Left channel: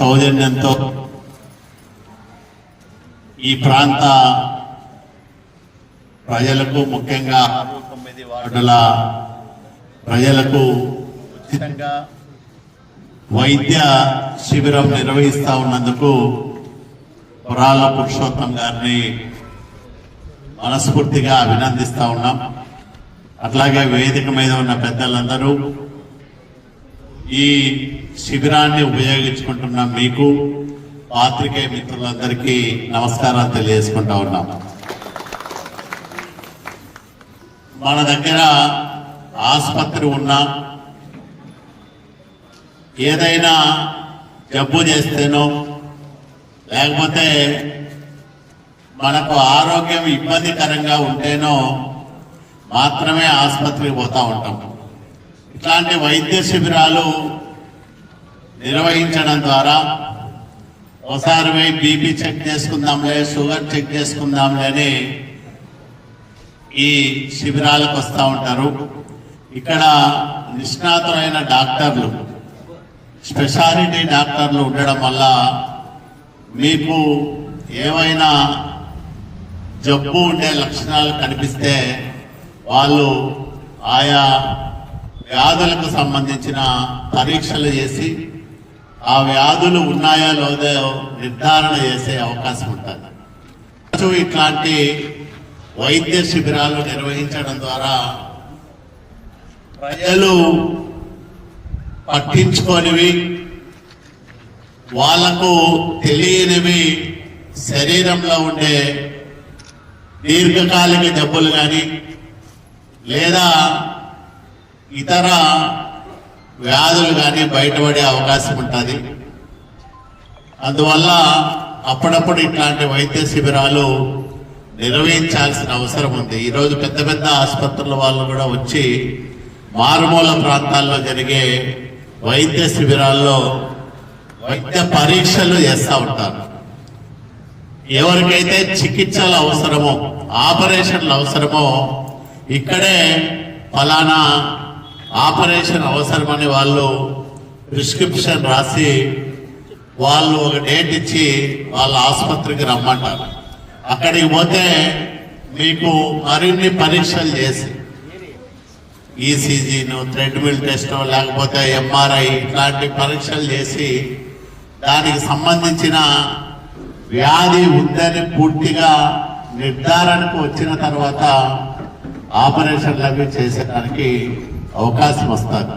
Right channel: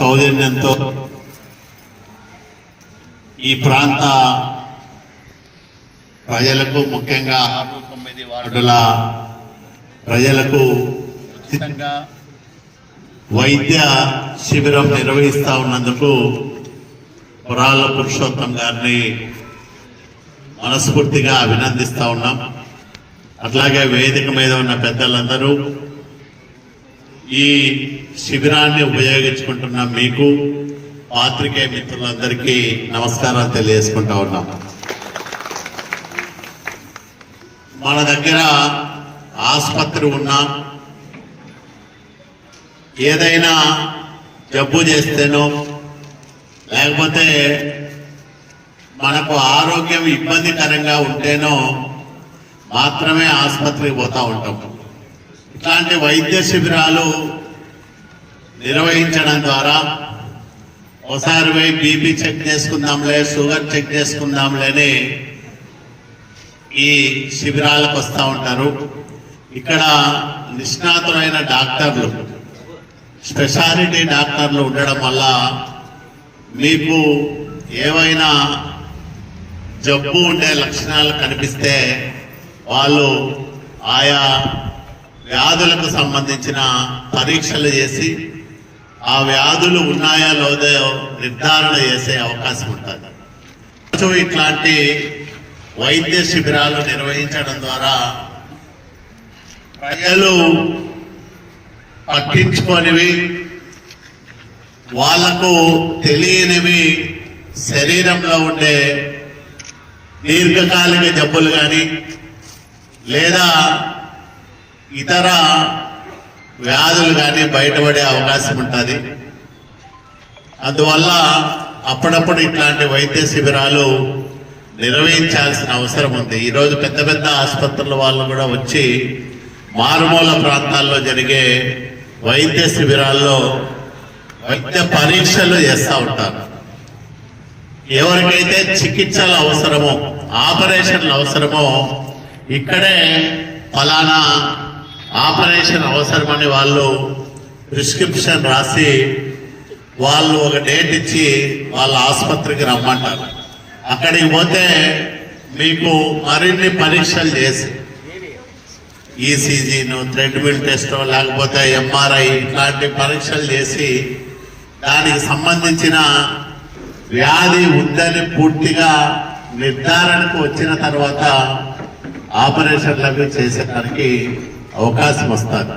చైతన్యంతో ఈ ప్రాంత ప్రజలకు ముఖ్యంగా ఆరు తొమ్మిది వార్డుల ప్రజలకు ఉచితంగా వైద్య శిబిరం నిర్వహిస్తా ఉన్నందుకు పురాల పురుషోత్తం గారిని మనస్ఫూర్తిగా అభినందిస్తా ఉన్నాం. అట్లాగే వేదిక మీద ఉన్న పెద్దలందరూ ఈ శిబిరాన్ని ఉపయోగించుకుంటున్న మీకు పాత్రికేయ మిత్రులందరికీ నమస్కారాలు తెలియజేసుకుంటా ఉన్నాం. మన దగ్గర ఆసుపత్రి ఉన్నా ఏదైనా జబ్బు చేస్తేనో లేకపోతే మనకు ఆరోగ్యం ఇబ్బందికరంగా ఉంటేనో మాత్రమే ఆసుపత్రికి పోతూ ఉంటాం. ఇట్లాంటి వైద్య శిబిరాలు నిర్వహించడం ద్వారా ఒకసారి పోయి బీపీ చెక్ చేసుకుందాంలే షుగర్ చెక్ చేసుకుందాంలే అని ఈ శిబిరాలకు వస్తూ ఉంటారు. ఇక్కడ నిష్ణాతులైన డాక్టర్లు స్పెషాలిటీ డాక్టర్లు ఉండడం వల్ల మీకు ఏవైనా జబ్బు ఉండే లక్షణాలు కనిపిస్తే వాళ్ళు ఆయా వ్యాధులకు సంబంధించిన పరీక్షలు చేసి ఆ వ్యాధులు ఉన్నాయా లేదో నిర్ధారణ చేసే అవకాశం ఉంటుంది. ఇట్లాంటి వైద్య శిబిరాలు నిర్వహించడం ద్వారా ప్రజలు పట్టించుకోనివి వాళ్ళకు తెలియనివి శరీరంలో ఉండే దీర్ఘకాలిక జబ్బులు కానీ లేదా ఇతర వ్యాధులు కానీ బయటపడే అవకాశం ఉంటుంది. అందువల్ల అప్పుడప్పుడు ఇట్లాంటి వైద్య శిబిరాలు నిర్వహించాల్సిన అవసరం ఉంది. ఈరోజు పెద్ద పెద్ద ఆసుపత్రుల వాళ్ళు కూడా వచ్చి మారుమూల ప్రాంతాల్లో జరిగే వైద్య శిబిరాల్లో వైద్య పరీక్షలు చేస్తూ ఉంటారు. ఎవరికైతే చికిత్సలు అవసరమో ఆపరేషన్లు అవసరమో ఇక్కడే ఫలానా ఆపరేషన్ అవసరమని వాళ్ళు ప్రిస్క్రిప్షన్ రాసి వాళ్ళు ఒక డేట్ ఇచ్చి వాళ్ళ ఆసుపత్రికి రమ్మంటారు. అక్కడికి పోతే మీకు మరిన్ని పరీక్షలు చేసి ఈసీజీను థ్రెడ్మిల్ టెస్ట్ లేకపోతే ఎంఆర్ఐ ఇట్లాంటి పరీక్షలు చేసి దానికి సంబంధించిన వ్యాధి ఉందని పూర్తిగా నిర్ధారణకు వచ్చిన తర్వాత ఆపరేషన్లకు చేసేదానికి అవకాశం వస్తుంది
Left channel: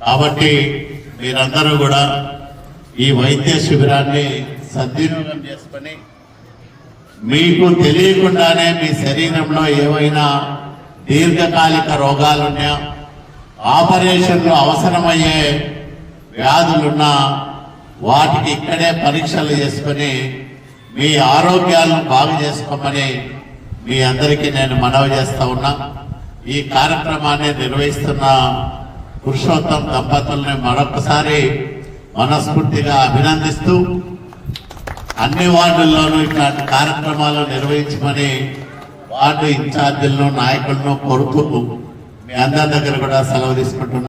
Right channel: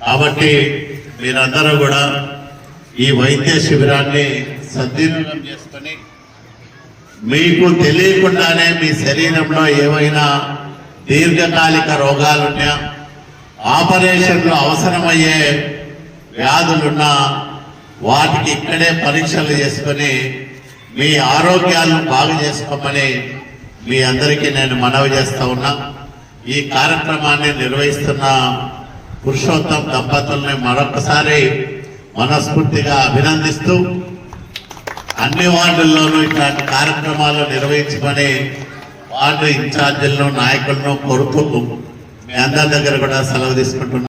కాబట్టి మీరందరూ కూడా ఈ వైద్య శిబిరాన్ని సద్వినియోగం చేసుకొని మీకు తెలియకుండానే మీ శరీరంలో ఏవైనా దీర్ఘకాలిక రోగాలున్నా ఆపరేషన్లు అవసరమయ్యే వ్యాధులున్నా వాటికి ఇక్కడే పరీక్షలు చేసుకొని మీ ఆరోగ్యాలను బాగు చేసుకోమని మీ అందరికీ నేను మనవి చేస్తా ఉన్నా. ఈ కార్యక్రమాన్ని నిర్వహిస్తున్న పురుషోత్తం దంపతుల్ని మరొకసారి మనస్ఫూర్తిగా అభినందిస్తూ అన్ని వార్డుల్లోనూ ఇట్లాంటి కార్యక్రమాలు నిర్వహించమని వార్డు ఇన్ఛార్జీలను నాయకులను కోరుతూ మీ అందరి దగ్గర కూడా సెలవు తీసుకుంటున్నాను.